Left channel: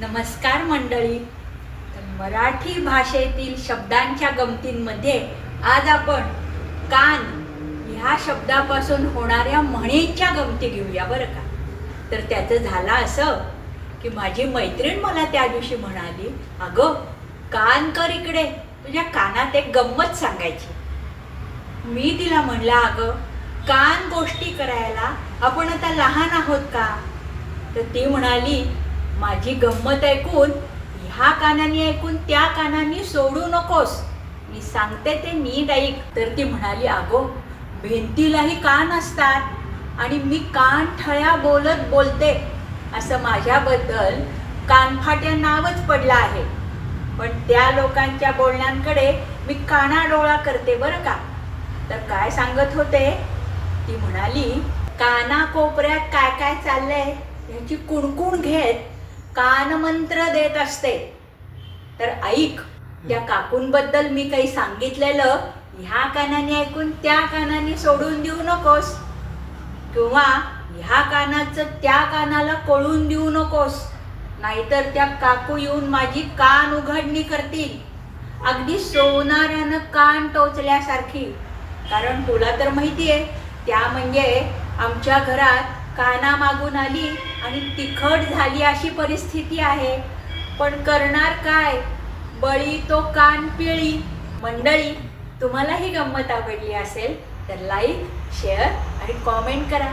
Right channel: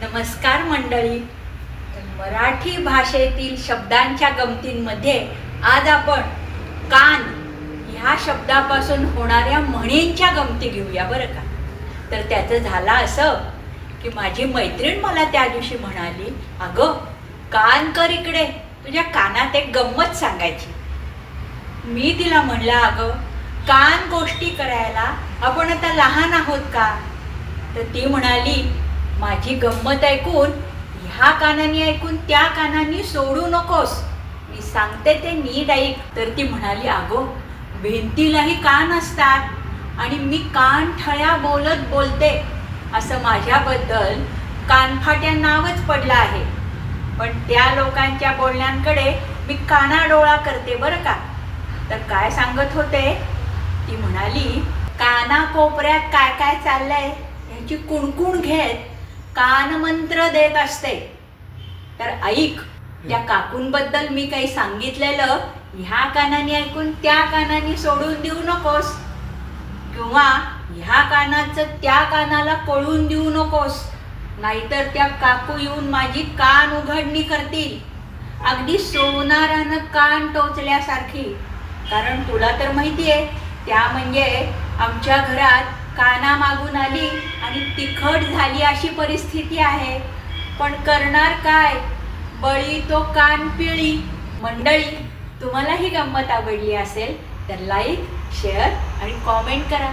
नमस्कार मंडळी. तर मराठी भाषेतील शब्दांच्या गमतींमध्ये आज आपण कान ह्या शब्दापासून होणाऱ्या म्हणींच्या गमती घेऊया बरं का. तर त्याचं झालं असं की माझी मैत्रीण मला त्या दिवशी म्हणाली, अगं कान कर इकडे, तुझ्या कानात एक गंमत सांगायची. मी तिला म्हणलं, अगं कान गोष्टी करायला आपण आता लहान आहोत का? तर ती म्हणाली, माझी गंमत ऐकून ह्या कानाने ऐकून त्या कानाने सोडू नकोस, मी सांगते ते नीट ऐक. तर ती म्हणाली, अगो भिंतीलाही कान असतात आणि मी कान ठळ्या बोलत बोलते असं माझ्याबद्दल कानफाट्या नावच पडलं आहे. पण त्या लोकांच्या बोलण्यांकडे मी कानाडोळा करते बरं का. तर काय सांगत होते, ती म्हणाली, काना कोपऱ्यात काय काय चाललंय ह्याची कुणकुण घेत कानमंत्र देत असते. तर ऐक, त्या काकूंबद्दल मी काही सांगितलेलं ह्या कानाने ऐकून त्या कानाने सोडून देऊ नकोस, किंवा ह्या कानाचं त्या कानाला कळून देऊ नकोस, नाहीतर त्या काकू येऊन माझी कान उघडणी करतील, अगदी सोनारानं कान टोचल्यासारखी. कारण तुला तर माहिती आहे, त्या म्हणजे आमच्या घरात काना मागून आली आणि तिखट झाली अशी परिस्थिती आहे. पण करणार काय, बळी तो कान पिळी. मंडळी, तुम्हाला ही गंमत आवडली असेल तर लाईक, शेअर आणि कॉमेंट करा.